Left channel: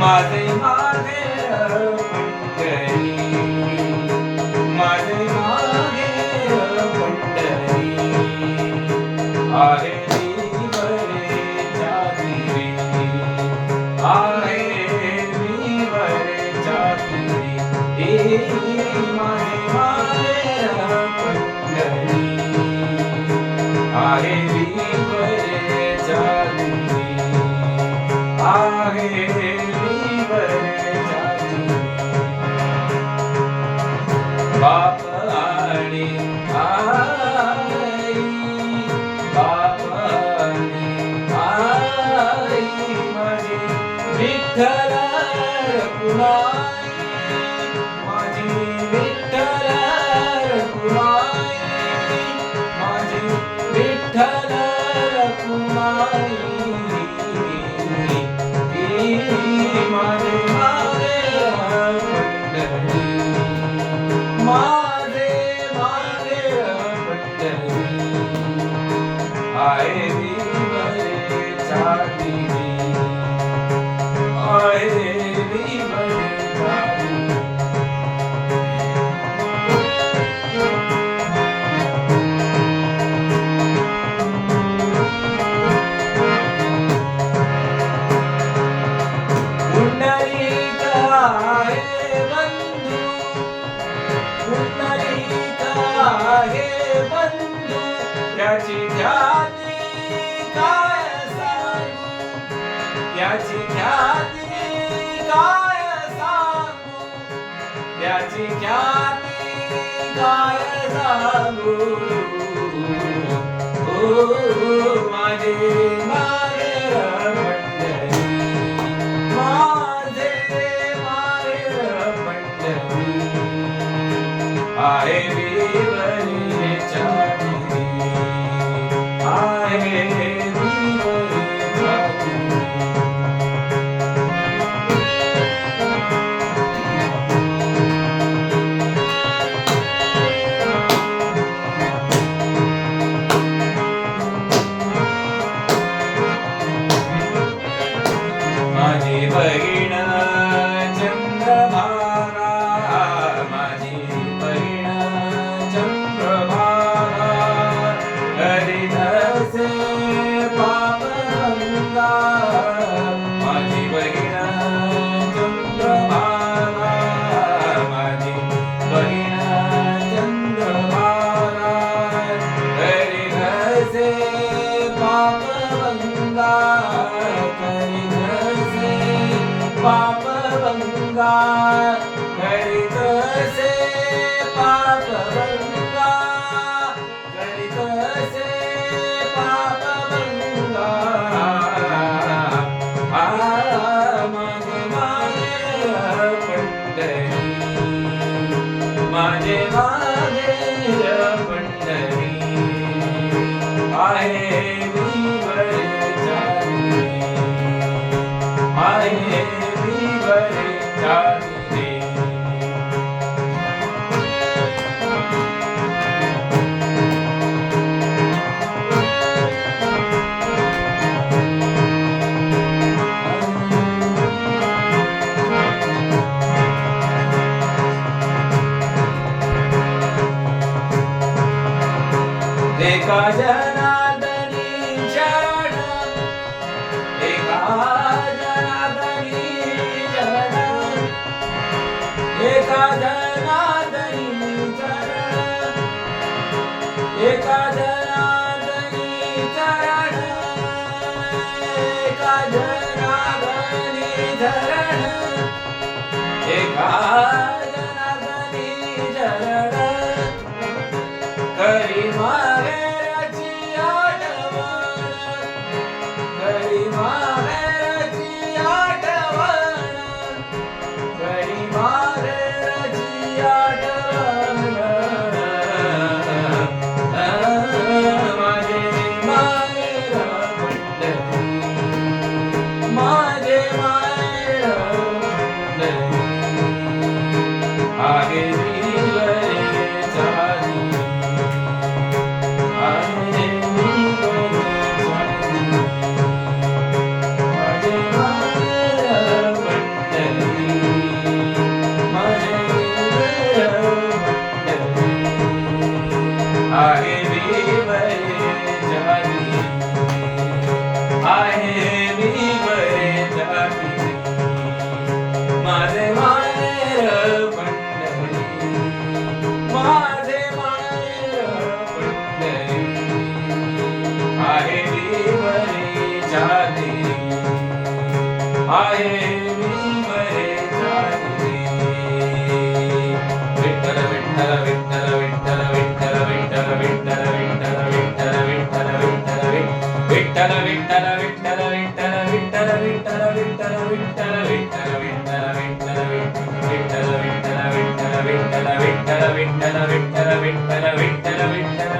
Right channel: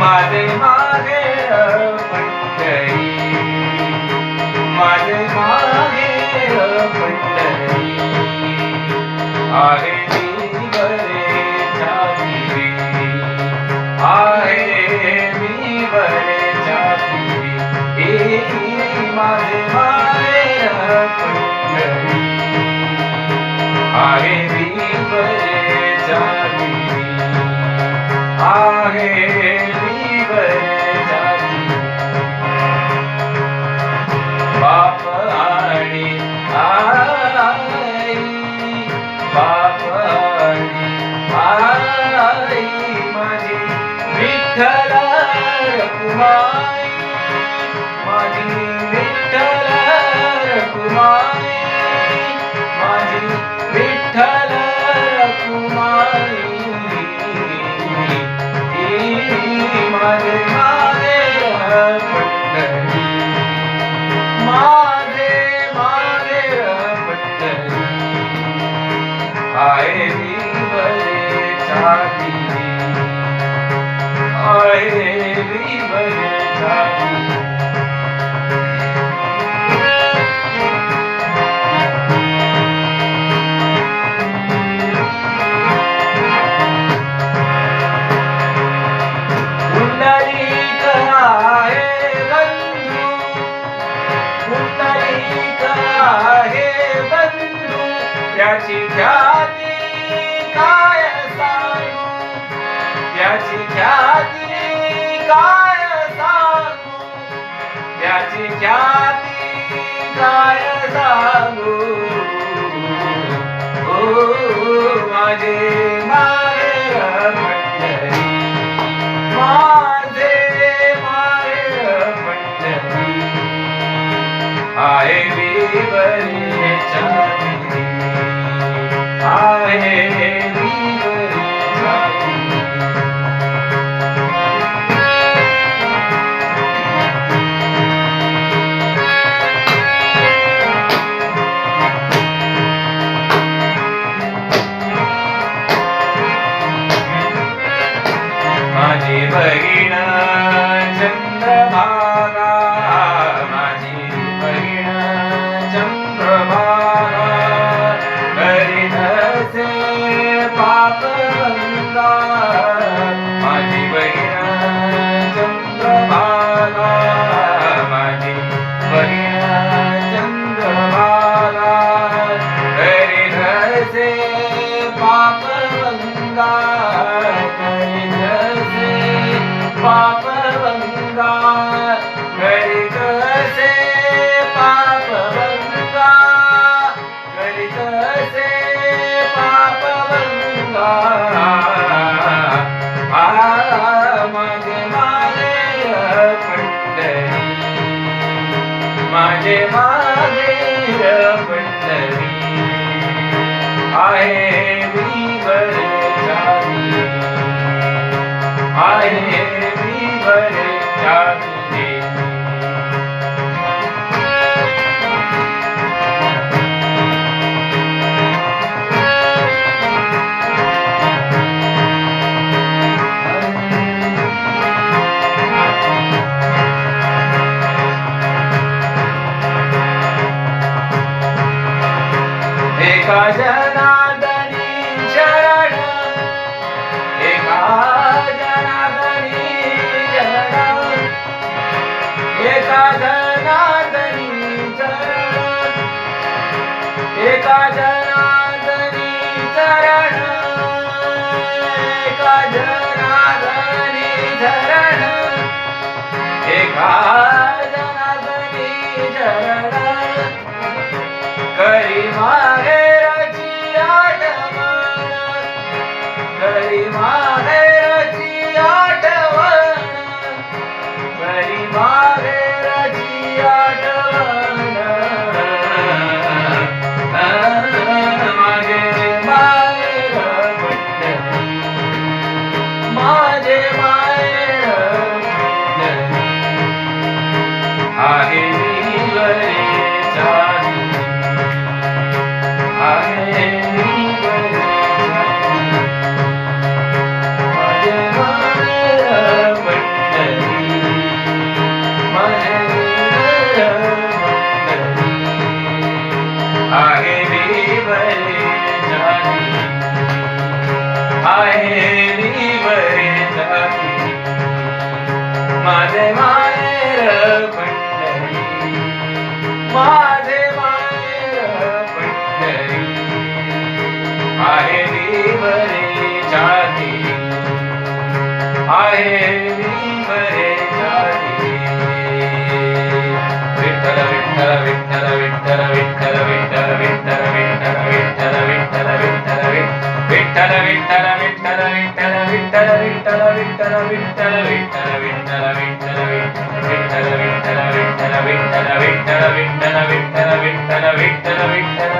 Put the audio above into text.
माझे मागे पंढरी, माझे मागे पंढरी आहे मी वरेच्या तीरी, आहे मी वरेच्या तीरी. माझे मागे पंढरी आहे मी वरेच्या तीरी, आहे मी वरेच्या तीरी. बाप आणि आई, बाप आणि आई माझी विठ्ठल रखुमाई, माझी विठ्ठल रखुमाई, माझी विठ्ठल रखुमाई. माझे मागे पंढरी, माझे मागे पंढरी आहे मी वरेच्या तीरी, आहे मी वरेच्या तीरी. पुंडलिक आहे बंधू, पुंडलिक आहे बंधू, त्याची ख्याती काय सांगू, त्याची ख्याती काय सांगू, त्याची ख्याती काय सांगू. ओ माझे मागे पंढरी, माझे मागे पंढरी आहे मी वरेच्या तीरी, आहे मी वरेच्या तीरी. माझी बहीण चंद्रभागा, माझी बहीण चंद्रभागा करीत असे पापगंगा. माझी बहीण चंद्रभागा, माझी बहीण चंद्रभागा करीत असे पापगंगा, करीत असे पापगंगा, करीत असे पापगंगा, करीत असे पापगंगा. माझे मागे पंढरी, माझे मागे पंढरी आहे मी वरेच्या तीरी, आहे मी वरेच्या तीरी. एका जनार्दनी शरण, एका जनार्दनी शरण, एका जनार्दनी शरण, एका जनार्दनी शरण, एका जनार्दनी शरण, एका जनार्दनी शरण. करी माहेरची आठवण, करी माहेरची आठवण, करी माहेरची आठवण. माझे माहेर पंढरी, माझे माहेर पंढरी आहे मी वरे विठ्ठल विठ्ठल